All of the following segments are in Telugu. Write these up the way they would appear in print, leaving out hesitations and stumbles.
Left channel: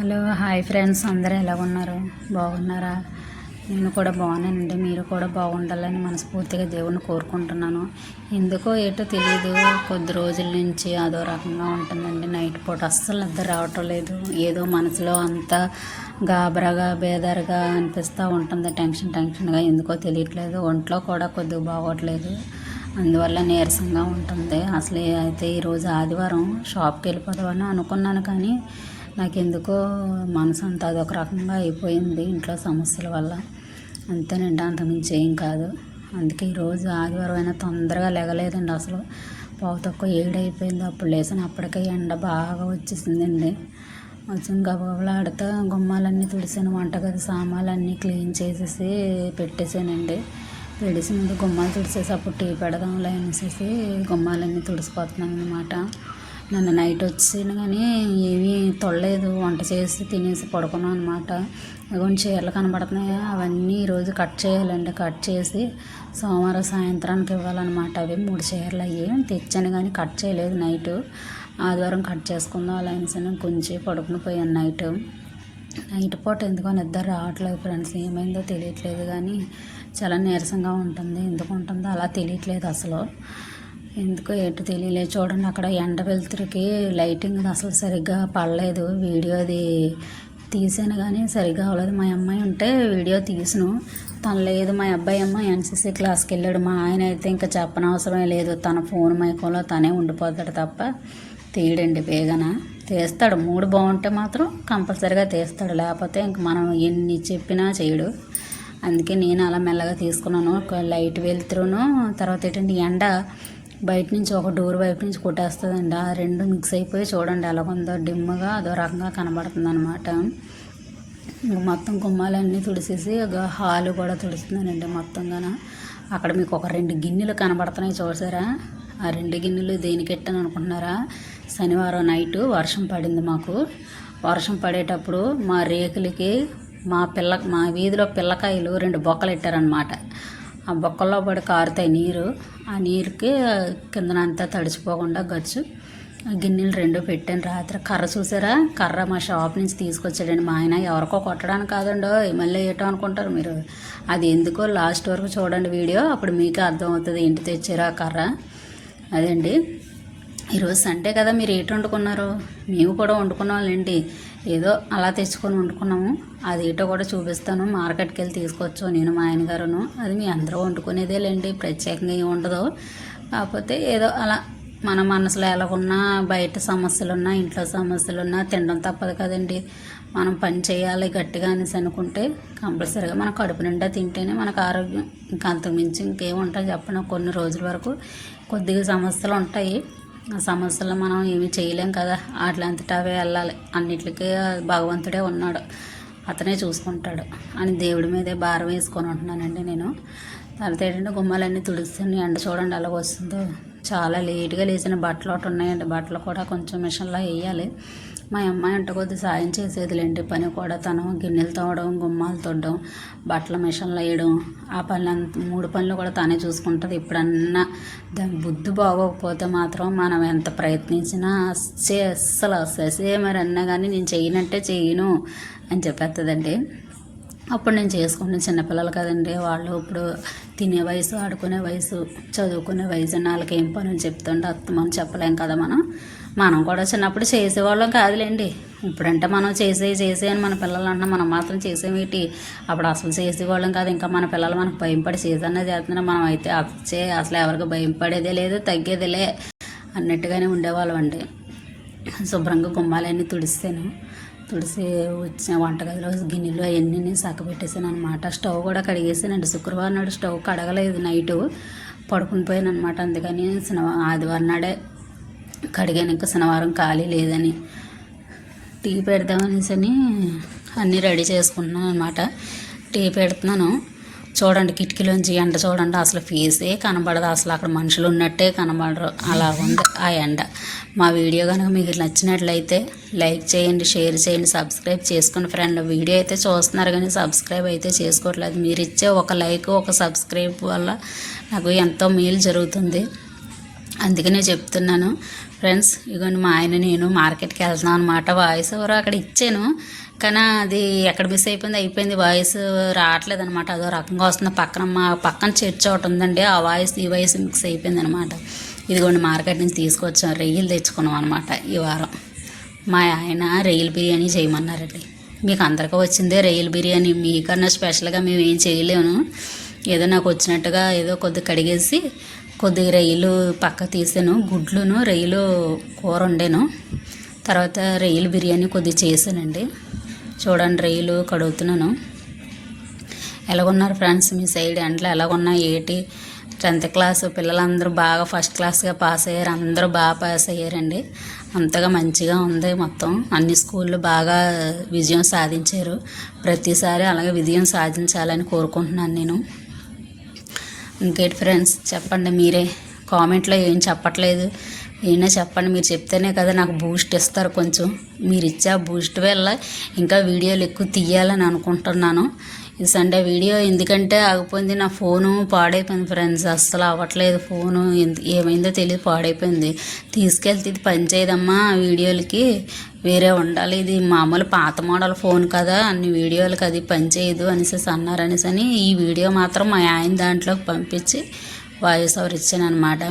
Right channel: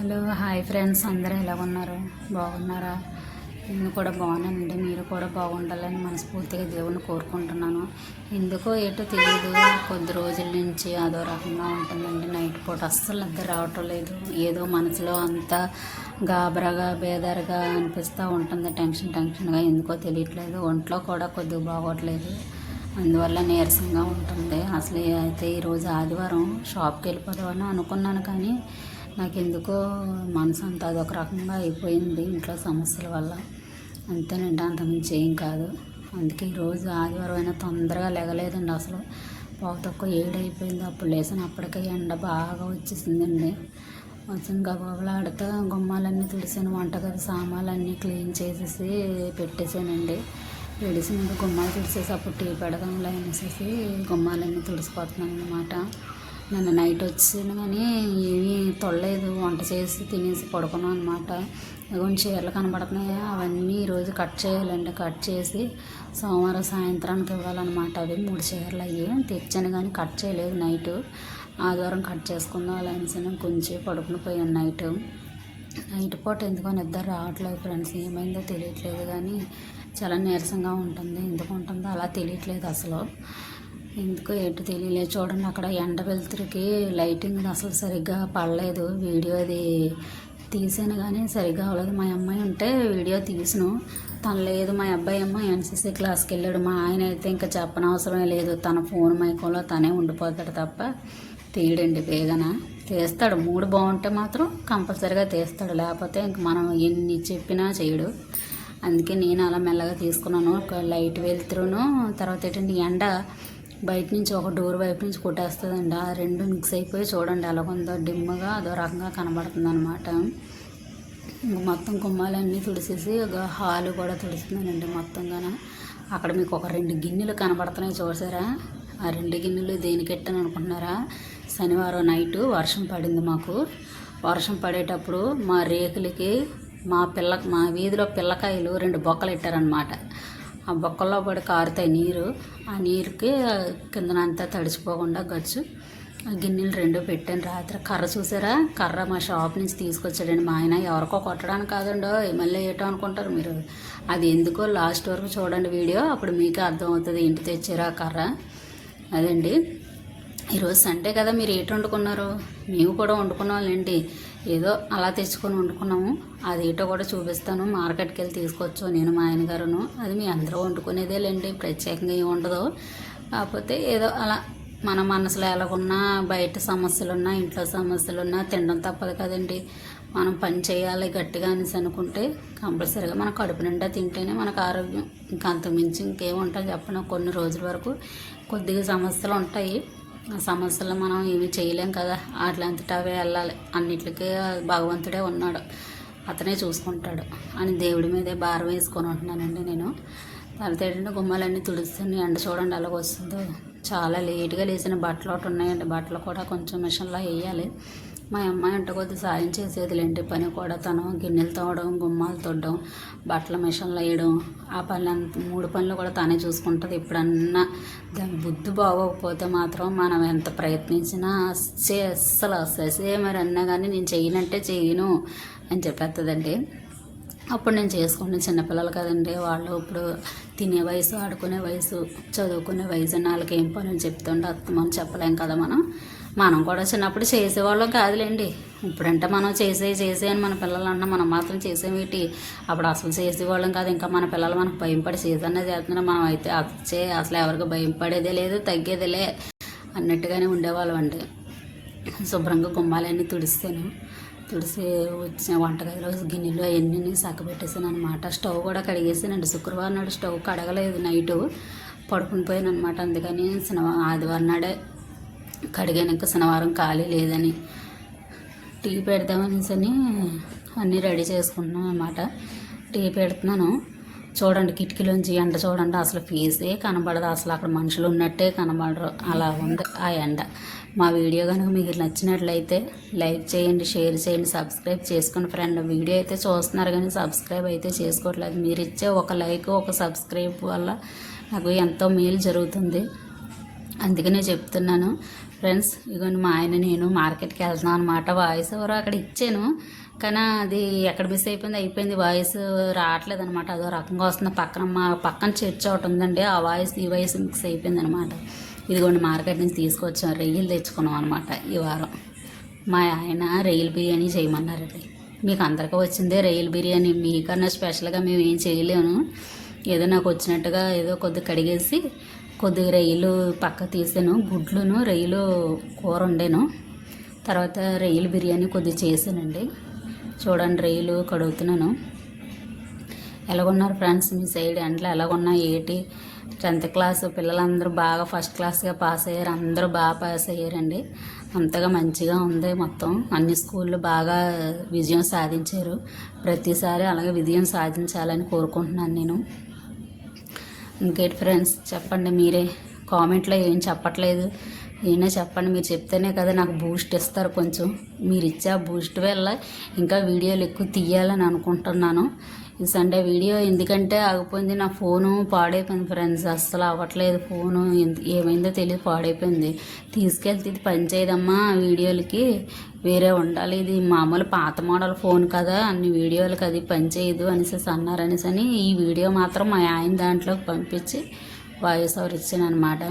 హలో హాయ్ ఫ్రెండ్స్, అందరూ ఎలా ఉన్నారు? బాగున్నారా? నేను కూడా బాగున్నానండి. మీరు కూడా బాగుండాలని మనస్ఫూర్తిగా దేవుణ్ణి కోరుకుంటున్నాను. ఎందుకో ఏటో తెలియదు, కొద్ది రోజుల నుంచి అదో రకంగా ఉంటుందండి. నైట్ పూట అస్సలు నిద్ర రావటం లేదు. ఏదో మనసులో అంతా గాబరాగా బేదారుగా అనిపిస్తూ ఉంటుంది. టెన్షన్గా ఎందుకో తెలియట్లేదు. ఒంట్లో కూడా కొద్దిగా బాగోట్లేదు, అందువల్ల నీరసంగా ఉంటుంది. అసలు అయితే ఈరోజు ఆదివారం షాప్కి వెళ్ళిపోదామని అనుకున్నాను, కానీ నాకెందుకో మనసు అంతా అదొక రకంగా అయిపోయింది ఇంట్లో సమస్యల వల్ల. అంతేనండి, అంతకుమించి ఏం కాదు. అందుకే ఈరోజు ఆదివారం అయినా తొందరగా లెగలేదండి. అసలు తక్కువ 7 అయిపోయింది. అప్పుడు లేసాను, అప్పటికే ఎండ బాగా వచ్చేసిందండి. వచ్చి గబాబులాడుతా గుమ్మాలన్నీ తుడిసాను, వంటగది సామాన్లన్నీ క్లీన్ చేసేసి పెట్టేసానండి. పెడిసి ముందు గుమ్మాలు తుడిసేసి అప్పుడు టీ పెడదాంలే అనేసి గుమ్మాలన్నీ తుడిసిపోతున్నాను అనమాట. నన్ను నైట్ వచ్చాను కానీ ఏమీ తొడలేదు, వంట చేసి తినేసి పడుకున్నాను అనమాట. కొన్ని చీరలు కనబడుతున్నాయి, అవన్నీ ఈరోజు కట్ చేయాలండి. కట్ చేసి సోమవారం సాయంత్రానికి ఇవ్వాలన్నమాట. అవి 3 చీరలు అయ్యి తెచ్చాను కానీ కట్ చేయలేదు. నైట్ ఆదివారం కట్ చేసుకుందాం అలా అనేసి కొంచెం పడుకుని పోయాను. నైట్ పూట ఎందుకో నిద్ర రావట్లేదు ఫ్రెండ్స్. ఏమైందో తెలియట్లేదు, కానీ చాలా నీరసంగా ఉంటుంది. ఎందుకు ఉంటుందో అలా తెలియట్లేదు అసలు. ఎందుకో ఏంటో తెలియలేదు. చూడండి, అక్కడ ఎండ వెలుతురికి లైటింగ్ అసలు సరిగ్గా పడలేదు. వీడియోది తీసాను కానీ సరిగ్గా అవ్వలేదు. మా అమ్మాయి ఉంటే వీడియో తీసాను, తను లేదు. మా అబ్బాయి ఏమో ఎన్సీసీ క్లాస్కి వెళ్ళాడు. మా ఆయన అయితే ఇంకా చెప్పనవసరమే లేదు, తన ఫోన్ మైకంలో తనే ఉండిపోతాడు తప్ప తీయడండి. వేగన తీస్తాడు, మూడు బాగుంటే మాత్రం కంపల్సరీగా తీస్తాడు, లేకపోతే ఇంక మనం ఎన్ని చెప్పినా చేయడు. అందుకే నేను అలా మెల్లగా తీసుకున్నాను. ఒక లైట్ వెళ్తురును, తర్వాత ఏంటంటే ఎండ బయట నుంచి ఒక డోర్ వైపు నుంచి కొట్టేస్తుందండి. ఆ రెండు మిక్స్ అయిపోయి చూడండి ఎలా ఉందో, డిమ్గా అదో రకంగా కనబడుతుంది అనమాట. మొత్తం గుమ్మాలన్నీ తుడిసేసి ఒక హాలు కూడా తుడుస్తున్నానండి మొత్తంగా. అక్కడ మీకు ఒక 2 గిన్నెలు కనబడుతున్నాయి చూసారా? ఆ 2 గిన్నెలు దేనికి ఎట్టాను అనుకుంటున్నారా? శనివారం నైటు వర్షం పడింది మాకు. వర్షం పడేటప్పుడు మా రేకులకి మా వీధిలో పిల్లకాయలు 2 బొక్కలు పెట్టారనమాట. ఆ బొక్కల్లో పడి కారుతాయి నీరు. ఆ నీరుకి కిందనంతా తడిచిపోకుండా గచ్చు గిన్నెలు 2 పెట్టాను. రాత్రి కర్ర చూసారా? కర్ర మా షాప్ నుంచి తీసుకొచ్చాడండి మా ఆయన. ఎవరికో కొట్టడానికి కాదండో, మళ్ళీ ఏటో అనుకుంటారు మీరు. అది ఎందుకో లాస్ట్ వరకు చూడండి వీడియో, అప్పుడు మీకే అర్థమవుతుంది ఏంటి తెచ్చారో ఆ కర్ర. అదండి. ఈరోజు సండే కదా, మీరు ఏంటి వండుకున్నారు? మేము కూడా వండుకున్నాంలేండి, ఏదో అలా తెచ్చుకొని వండుకున్నాము. అది ఏటో కూడా చూపిస్తాను. మార్కెట్కి వెళ్ళి తీసుకొచ్చు నేను మా ఆయన గారును. అది మీ అందరూ వండుకునేదేలేండి, ప్రత్యేకంగా ఏమి ఉండదు. కాకపోతే ఏదో అలా మన మనసులో ఎలాగున్నా, బయట సమస్యలున్నా, ఇంట్లో సమస్యలున్నా తినడం తప్పదు కదండి. మనం పని చేయాలి గట్టిగా అనేసి అనుకుంటే కంపల్సరీగా మన కడుపు నిండా తింటేనే మనకు ఆరోగ్యం. ఇంకా అంతకుమించి ఇంకేముంటాయి చెప్పిన. కొన్ని రోజుల వరకు కొద్దిగా సమస్యలు ఉంటాయి, ఆ సమస్యలు మనం ఏమీ చేయలేం కదా. అట్లాంటివి అవే వెళ్ళాలి. అన్నిటికీ భగవంతుడే ఉన్నాడు, అతనే చూసుకుంటాడు అని దేవుడి మీదే భారం వేసుకొని ఉంటున్నానండి నేను. తర్వాత ఏంటంటే గుమ్మాలన్నీ తుడుస్తుంది. ఎండ చూడండి అలాగ వస్తుందో. చాలా లేట్గా లేచిన బట్టలు ఒకటి ఉన్నాయండి. బట్టలు కూడా కొంచెం మిషన్లో వేయాలి. మా అమ్మాయి అంటే కొద్దిగా సాయం చేసేదిలేండి పని కూడా. తను గిన్నెలు తోవడం, గుమ్మాలు తొడడం, బట్టల మిషన్లో వేయడం, ఆ పనులు 3 పనులు కూడా తనే చూసుకుంటుంది. ఇప్పుడన్నా దాని బుద్ధి బాగోకపోతే మాత్రం మనం ఎంత ప్రయత్నించినా అస్సలు మరి అన్నా కానీ నేను చేయనంటే చేయను అని చెప్పేస్తుందండి. అప్పుడు నేను చేసుకుంటాను. చిన్నపిల్లలు కదండి, వాళ్ళు ఇప్పుడు తినే వయసు, ఆడుకునే వయసు, చదువుకునే వయసు. వాళ్ళకి ఏం పనులు చెప్తుంటే మనం చెప్పలేం కదా. మనం కూడా చిన్నప్పుడు చేసేవాళ్ళం కాదులేండి. ఇప్పుడంటే మనం చేసే అని మన పిల్లలు అన్నా మనం మాత్రం చేసేవేటి. అప్పుడు అసలు చేసేవాళ్ళం కాదు. ఇంకా మన పిల్లలు మనకు భయంపడి చేసన్నా చేస్తున్నారు. మనం అయితే అసలు ఎవరికి భయపడేదే లేదు, తగ్గేదిలే అన్నట్టుగానే ఉండేవాళ్ళం అండి. శుభ్రంగా గుమ్మాలన్నీ తుడిసి వచ్చిన వంటగదిలో గిన్నెలు అవన్నీ పెట్టేసాను అనమాట. స్టవ్ కూడా కడిగేసానండి. శుక్రవారం నాడు స్టవ్ కడగలేదు, నైటు పడుకుని పోయాను అనమాట. అందుకని ఆదివారం నాడే కడిగాను. ఇంకా శనివారం ఖాళీ లేదని టీ పెడదామనేసి అన్నీ రెడీ చేసుకుంటున్నాను అనమాట. టీ పెడుతున్నాను. చూడండి, కిటికీలోంచి ఎండ చూడండి, అసలు ఫేసే కనబడదు. అసలు అక్కడ మనుషులు ఉన్నట్టే కనబడరు, అలా ఉంది ఆ ఎండ. మా వీడియో కనుక మీకు నచ్చినట్లయితే లైక్ చేయండి, షేర్ చేయండి, సబ్స్క్రైబ్ చేసుకోండి ఫ్రెండ్. వీడియో అయితే చూస్తున్నారు కానీ సబ్స్క్రైబ్ అయితే చేసుకోవట్లేదు. మీరు ఇచ్చే ఒక లైక్, ఒక సబ్స్క్రైబ్ వల్ల నాకు ఎంతో మేలు జరుగుతుంది. అందుకనే చెప్తున్నాను. ఫ్రెండ్స్ ఇగోండి మా ఆయన నేను మార్కెట్కి వెళ్తున్నాం అనమాట. వాయిస్ ఓవర్ అక్కడ ఇచ్చాను, కానీ అది ఎక్కడ మిస్ అయిపోయింది వాయిస్ రావట్లేదు అనమాట. అదో రకంగా వస్తుంది. మా పక్కన చర్చ్ ఒకటి ఉందండి, ఆ వాయిస్ ఈ వాయిస్ మిక్స్ అయిపోయింది అనమాట. ఇదిగోండి మార్కెట్ నుంచి తీసుకొచ్చాం, రొయ్యలు తెచ్చుకున్నాం అనమాట ఈ వారం. మా ఆయన రొయ్యల బిర్యానీ చేయమన్నారండి. మీకు అందరికీ వచ్చిందే రొయ్యల బిర్యానీ, మీకన్నా స్పెషల్గా మేము ఏం చేయలేము. ఏదో నాకు వచ్చినట్టుగా ఏదో కొద్దిగా కడిగేసి కొద్దిగా రొయ్యలు పక్క తీసాను, గుడ్లును రొయ్యలు కూర వండాను. తర్వాత రొయ్యల బిర్యానీ కొద్దిగా చేశానండి. చూడండి రొయ్యలు కడుగుతున్నాను. ఎలాగున్నారు ఫ్రెండ్స్ మీ సైడ్ ఎండలు ఎలాగున్నాయి ఏంటి? 10th క్లాస్ పిల్లలందరూ బాగా ఫస్ట్ క్లాస్గా పాస్ అయ్యారు, అందరూ బాగా పాస్ అయ్యారండి. అంతగా మంచిగా ఉంది మొత్తం. అన్ని స్కూళ్ళు బాగా విజయం సాధించారు. ప్రతిసారి అలాగే విజయం సాధించాలని కోరుకుంటున్నాను నేను. ఇంకేంటి ఫ్రెండ్స్ చెప్పండి, మీరే కామెంట్లో ఏం చెప్పట్లేదు, ఏమైనా చెప్పండి. మీరు చెప్తేనే కదా నాకు బూస్ట్ ఇస్తారు కొంచెం. మీరు ఇచ్చే బూస్ట్ వల్ల ఇంకా వీడియోలు ఎక్కువ తీయాలని అనుకుంటున్నాను. ఈ సండే వీడియో ఎందుకంటే ఆగిపోయింది, నా ఫోను పాడైపోయింది ఫ్రెండ్స్. అస్సలు అవ్వట్లేదు ఫోను, ఏమైందో తెలియదు పాడైపోయింది. తీసుకెళ్తే ఇది పని చేయదమ్మా వీడియోలకి, వేరే ఉండాలి, ఇది మామూలు పాత మోడల్ ఫోన్ కదా, అన్ని వీడియోలకి అది పని చేయదు అనేసి అన్నారనేసి ఈ వీడియో మాత్రం మా ఆయన దాంట్లోకి పంపించి వాయిస్ ఓవర్ ఇచ్చాను అనమాట.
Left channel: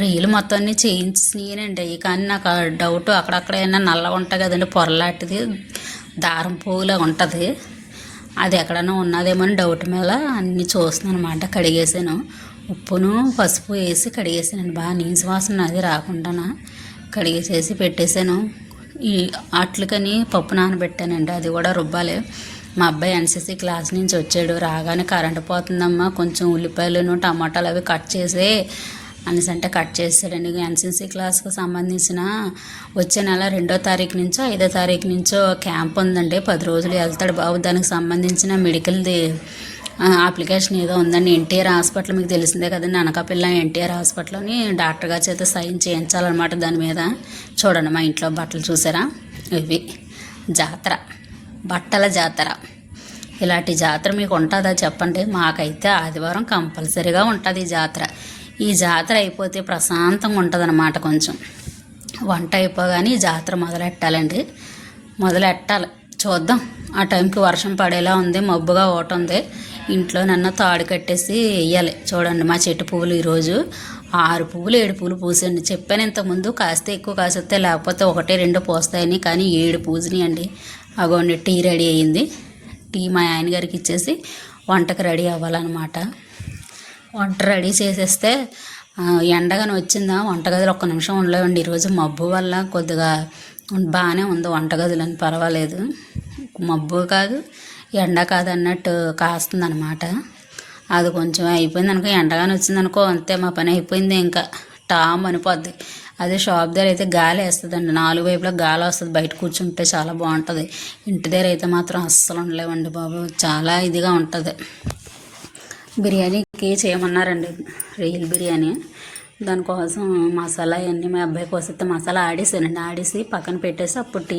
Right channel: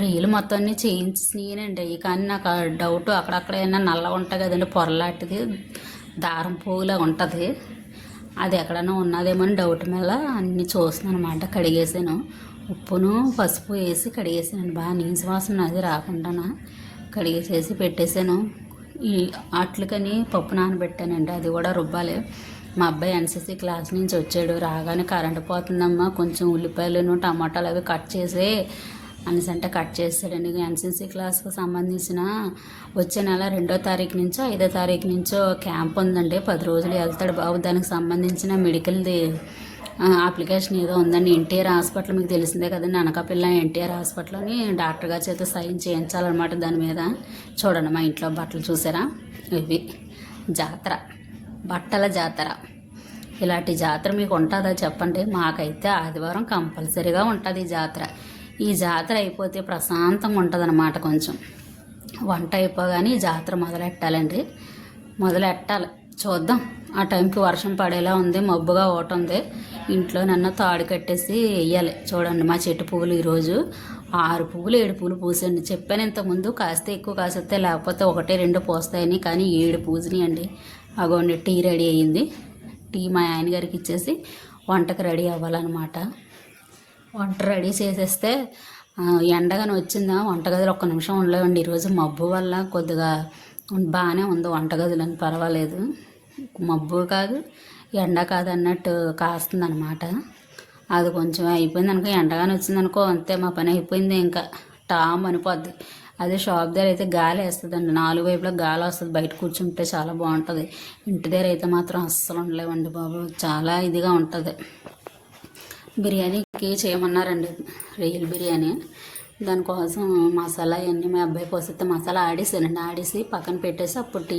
రీలు మొత్తం అన్నీ చేయించినానండి అవి, కానీ నాకు డౌట్ అక్కడక్కడ ఏమన్నా నల్లగా ఉంటాయి కదండి, పొరలాంటిది దారం పువ్వులా ఉంటుంది, అది ఎక్కడైనా ఉన్నదేమో అని డౌట్ మీద అన్నీ చూస్తున్నాను అనమాట. కడిగేసాను, ఉప్పును పసుపు వేసి కడిగేసానండి, బాగా నీసు వాసన అది రాకుండా కడిగేసేసి పెట్టేశాను. ఈ అట్లకని పప్పు నానబెట్టానండి, అది కూడా రుబ్బాలి. మా అబ్బాయి ఎన్సీసీ క్లాస్ నుంచి వచ్చాడు, రాగానే కరెంటు పోతుందమ్మా కొంచెం ఉల్లిపాయలను టమాటాలు అవి కట్ చేసి అనేసి అంటే కట్ చేశాడండి. ఎన్సీసీ క్లాస్కి సంబంధించిన వచ్చే నెల 2వ తారీఖు నుంచో 5వ తారీఖు నుంచో క్యాంప్ ఉందండి, 10 రోజులు వెళ్తాడు బాబు. దానికి సంబంధించిన మెడికల్ది అప్లికేషన్ ఏదో ఉందండి. ఎన్టీఆర్ హాస్పిటల్ మీకు తెలిసిందే కదండి, అనకాపల్లి ఎన్టీఆర్ హాస్పిటల్ని డాక్టర్ గారి చేత సైన్ చేయించాలన్నమాట. దాని మీద చూడండి మా ఇంట్లో బట్టలు చూసారా, ఇవి జాతర, బట్టల జాతర. ఇలాంటి జాతర మీకు ఉంటుందా చెప్పండి? మాకైతే ఆదివారం కంపల్సరీగా ఉంటుంది ఈ జాతర. ఈ జాతర అయిపోతే ప్రశాంతంగా ఉంటుంది అన్నమాట. కొంచెం వంట అయిపోగానే ఈ జాతర మొదలెట్టాలండి, మొదలెట్టాలి. చూద్దాం, ఆ టైంకి వర్షం పడేలా ఉంది, మబ్బుగా ఒకటి ఉంది. ఇంట్లో నన్ను తాడు కట్టేసి వేయాలి. చూడండి మా చెట్టు పువ్వులు ఈరోజు 6 పువ్వులు 7 పువ్వులు పూసండి. చెప్పాను ఇంతకుముందు, కాస్తే ఎక్కువ కాస్తే లేకపోతే 1 2 పూస్తాయని, కానీ 7 పూసినాయి అండి. అగోండి టీ రెడీ అయ్యింది. టీ మా ఆయన గారికి ఇచ్చేసి వంటకు రెడీ అవ్వాలన్నమాట. వంట రెడీ చేసేస్తే ఎండగానే వచ్చిందా వంటగదిలో ఒక్క నిమిషం ఉండలేవండి. ఈరోజు మబ్బు వల్ల కొద్దిగా బాగానే ఉంది వంటగదిలో, పర్వాలేదు. మబ్బు కాదు ఎండ కాదు అన్నట్టు కాస్తుంది అనమాట. అది కొంచెం అయిపోయింది అనుకో, ఎండగానే వచ్చింది అనుకో, అంతే మా పని అయిపోయింది. ఇంకా టామ్ అనిపోద్ది. అదే షాప్ దగ్గర అయితే గాలి వేస్తుందండి, 4 వైపులా గాలి వస్తుంది, బయట కూర్చుంటే చాలా బాగుంటుంది. ఇంటి దగ్గర అయితే మాత్రం అస్సలు ఉండలేవండి బాబు, చాలా ఇదిగా ఉంటుంది. బిర్యానీకి చేయమన్నారండి, రొయ్యల బిర్యానీ. దానికోసం మసాలా ఇవన్నీ మా అబ్బాయి కోసితే మసాలా ఆడేసానండి, ఆడేసి పక్కన పెట్టేసి అప్పుడు టీ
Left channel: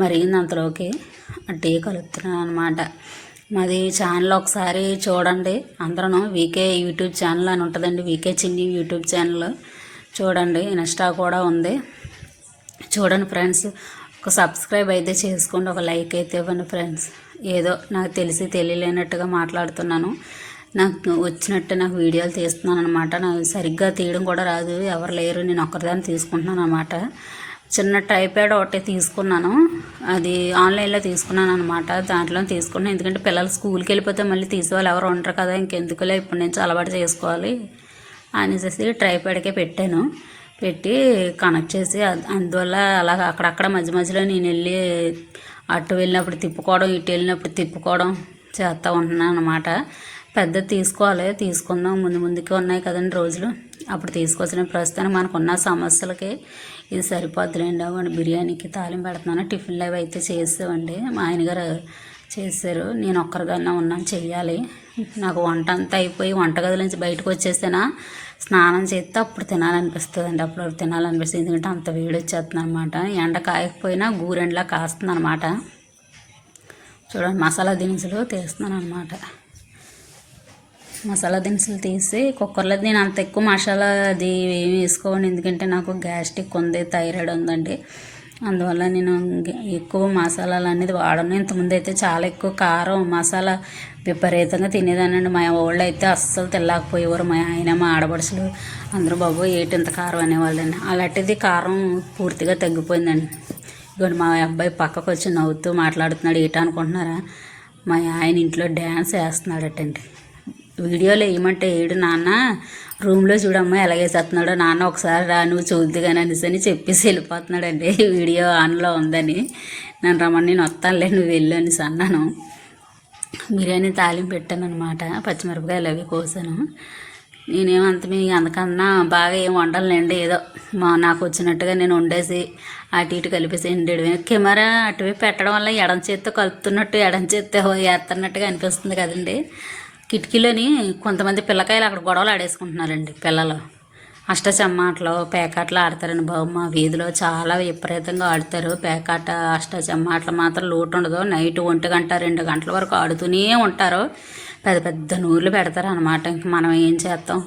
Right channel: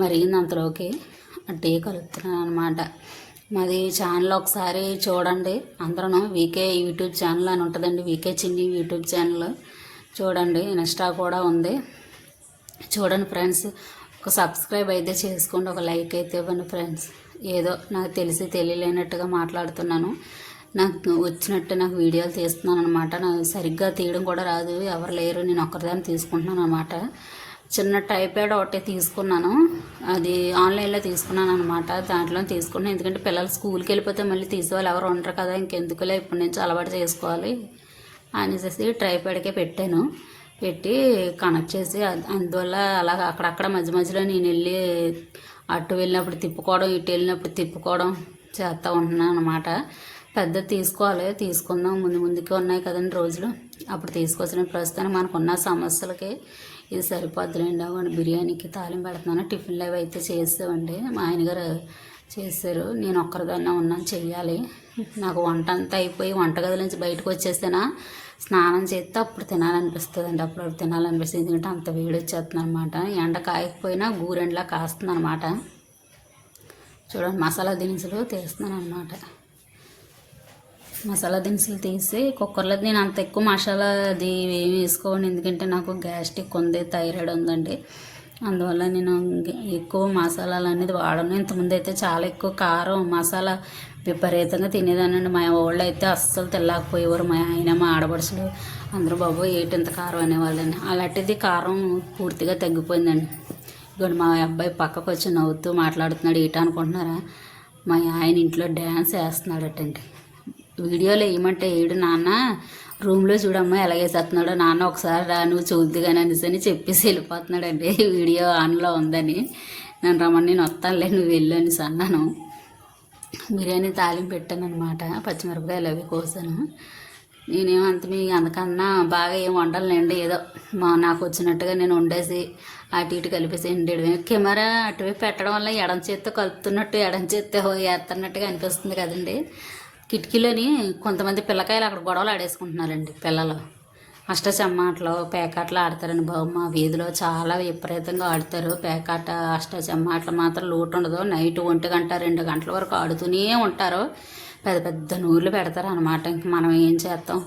మరిగింది, అంతలోకి టీ కలుపుతున్నాను అనమాట. మాది ఛానల్ ఒకసారి చూడండి అందరూ, వీకే యూట్యూబ్ ఛానల్ అని ఉంటుందండి, వీకే చిన్ని యూట్యూబ్ ఛానల్ చూడండి. ఇన్స్టా కూడా ఉంది, చూడండి ఫ్రెండ్స్. ఒక సబ్స్క్రైబ్ అయితే చేసుకోండి, ఒక లైక్ అయితే ఇవ్వండి ఫ్రెండ్స్. ఏదో నాకు తెలిసి తెలియలేనట్టుగా మాట్లాడుతున్నాను, నాకు వచ్చినట్టు నాకు వీడియోలు తీస్తున్నాను అనమాట. నాకు సరిగ్గా తీయడం కూడా రాదు, ఎవరు లేరు, నేను ఒక్కరిదాన్ని తీసుకుంటున్నాను అనమాట. చిన్న ట్రైప్యాడ్ ఒకటి తీసుకున్నాను, అది ఆన్లైన్లో తీసుకున్నాను అనమాట. దాంట్లో తీసుకున్నాను, ఎందుకంటే పిల్లలు స్కూల్కి వెళ్ళిపోతే మళ్ళీ తీసేవాళ్ళు ఎవరు ఉంటారు కదా, ఇంకెందుకులే ఇప్పటి నుంచి అలవాటు చేసుకోవాలి అనేసి ట్రైప్యాడ్కే పెట్టాను. పెట్టి కనెక్ట్ చేసి అందువల్ల అలాగ అక్కడక్కడ మధ్య మధ్యలో నేను వెళ్ళి అటు వెళ్ళినప్పుడు తిప్పుకోవడం, ఇటు వెళ్ళినప్పుడు తిప్పుకోవడం చేస్తూ ఉంటున్నాను అనమాట. పెద్దది తీసుకోవాలి, తీసుకుందాం, ముందుకి ఉన్నాయి కదండి రోజులు, అప్పుడు తీసుకొచ్చిన. ప్రస్తుతానికి మనకున్న సమస్యలకి ఇది సరిపోద్దులేండి. అవ్వండి బిర్యానీకి తాలింపు పెడుతున్నాను. టిఫిన్లు అవి అయితే చేసామండి, మా ఆయనగారు చేశారు, నేను ఒక్కరిదాన్ని ఉన్నాను చెయ్యాలి. నాకు వంట అంతా అయిపోయి వంటగది నుంచి బయటకు వచ్చేస్తేనా స్నానం చేస్తే అప్పుడు తినాలనిపిస్తుంది అండి, అప్పుడు తినాలనిపిస్తుంది, ఎందుకంటే అంత వేడి వచ్చేస్తుంది అనమాట. ఎండ కాయకపోయినా గూరెండ్లా కాస్తుంది అనమాట. చూడండి మసాలా దినుసులు తీస్తున్నాను అనమాట. మసాలా దినుసులు తీసి కుక్కర్లో నేను అంత ఎక్కువ మసాలా అది ఏమి వేసుకోను, ఎందుకంటే నాకు గ్యాస్ట్రిక్ ఉంది, థైరాయిడ్ ఉందండి. అందువల్ల నేను ఎక్కువ మసాలాలు అనేది వాడను. ఇంతకుముందు అయితే చాలా ఎక్కువ కారం మసాలా విపరీతంగా తినేదానండి. మా వాళ్ళు అయితే అస్సలు తినలేకపోయేవారు. మా ఆయన, మా ఆడపడుచులు అందరూ బాబు ఏటింత కారం అనేవాళ్ళండి. అలాంటిది కారం పూర్తిగా తగ్గిపోయిందండి. ఇప్పుడు మా అబ్బాయి పక్కకు వచ్చి నవ్వుతూ మాట్లాడుతున్నాడు. ఏటా అనుకుంటున్నారా, మా ఆయన ఇంట్లో డ్యాన్స్ వేస్తున్నాడటండి. వీడియోలో ఏమంటే ఏడు నాన్న రూమ్లో చూడమ్మా ఎలాగేసేస్తున్నాడో, నాన్న ఒకసారి రా నువ్వు చూద్ది కానీ అనేసి అని చెప్పేసి వెళ్ళిపోతున్నాడండి. వీడియో ఆన్లో ఉందని నన్ను రమ్మని నేను వస్తానులే నువ్వు వెళ్ళు అనేసి అన్నాను. బిర్యానీ తాలింపు పెట్టాను అనమాట, పచ్చిమిరపకాయలు అవి కోసాను. నేనేమంత మీ అందుకన్నా బాగా ఏం వండాలండి, ఏదో నాకు వచ్చినట్టుగా నేను వండేసి అటు ఇటు కలిపేసి ఎండేడు. కెమెరా అటువైపు పెట్టడం వల్ల ఎడం చేత్తో కలుపుతున్నట్టు ఎడం చేత్తో వేస్తున్నట్టుగా అనిపిస్తుంది కదండి. కిటికీలోని కొంతమంది పిల్లకాయలు అక్కడ గొడవలు ఆడేసుకుంటున్నారండి. పిల్లలు అష్టచమ్మాటలు పేకాటలు ఆడతారండి బాబు. మా వీధిలో చాలా విపరీతంగా ఆడతారు పేకాట, అష్టచమ్మాటలు మాత్రం లోటు ఉండదు. నైట్ 1 గంట 2 గంటల వరకు ఆడుతూనే ఉంటారు. పెద్ద పెద్ద నూర్లు పెడతారు అనమాట. ఇంక మనం ఏం చేస్తాం,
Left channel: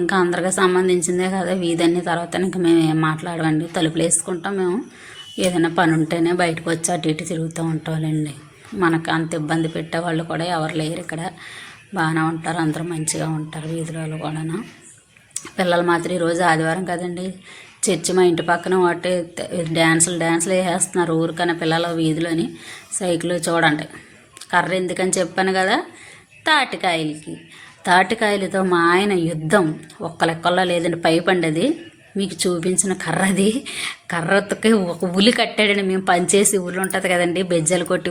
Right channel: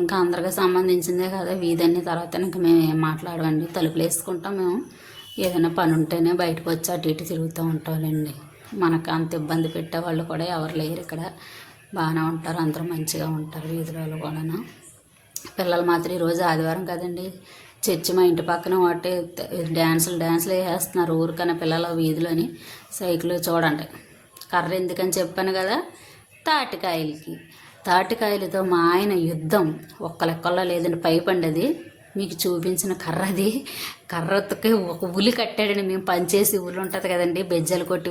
ఇంకా అందరికీ సంబంధించిందే కదా వీధి అన్ని. తర్వాత ఇంక మేము ఏం మాట్లాడమండి, తలుపులు వేసుకుంటాం. మేము ఏదైనా పని ఉంటేనే బయటకు వచ్చి అటు ఇటు తిరుగుతూ ఉంటామండి. మనకు అంత ఇబ్బంది పెట్టే వాళ్ళు కూడా ఎవరు లేరు ఇక్కడ. బాగానే ఉంటారు, అందరూ మంచిగా ఉంటారు వీధిలో కూడాను. పిల్లలు మాత్రం ఈరోజు ఆదివారం కదండి, చర్చి మా ఇంటి పక్కన ఒకటి డ్యాన్సులు వేసేస్తున్నారు ఊరికన్నా పిల్లల వీధిలోని. సైకిల్ చూడండి, కర్ర ఎందుకని చెప్పాను కదా, తాటికాయలతో మా ఆయన యుద్ధం ఒక్క లెక్కల్లో లేదండి. పైపండి అది మీకు చూపించిన కర్రది, కర్రతో ఒక ఉలి కట్టాడండి. మేము పనిచేసి ఉలి ఉంటుంది కదండి, బెజ్జలు కొట్టి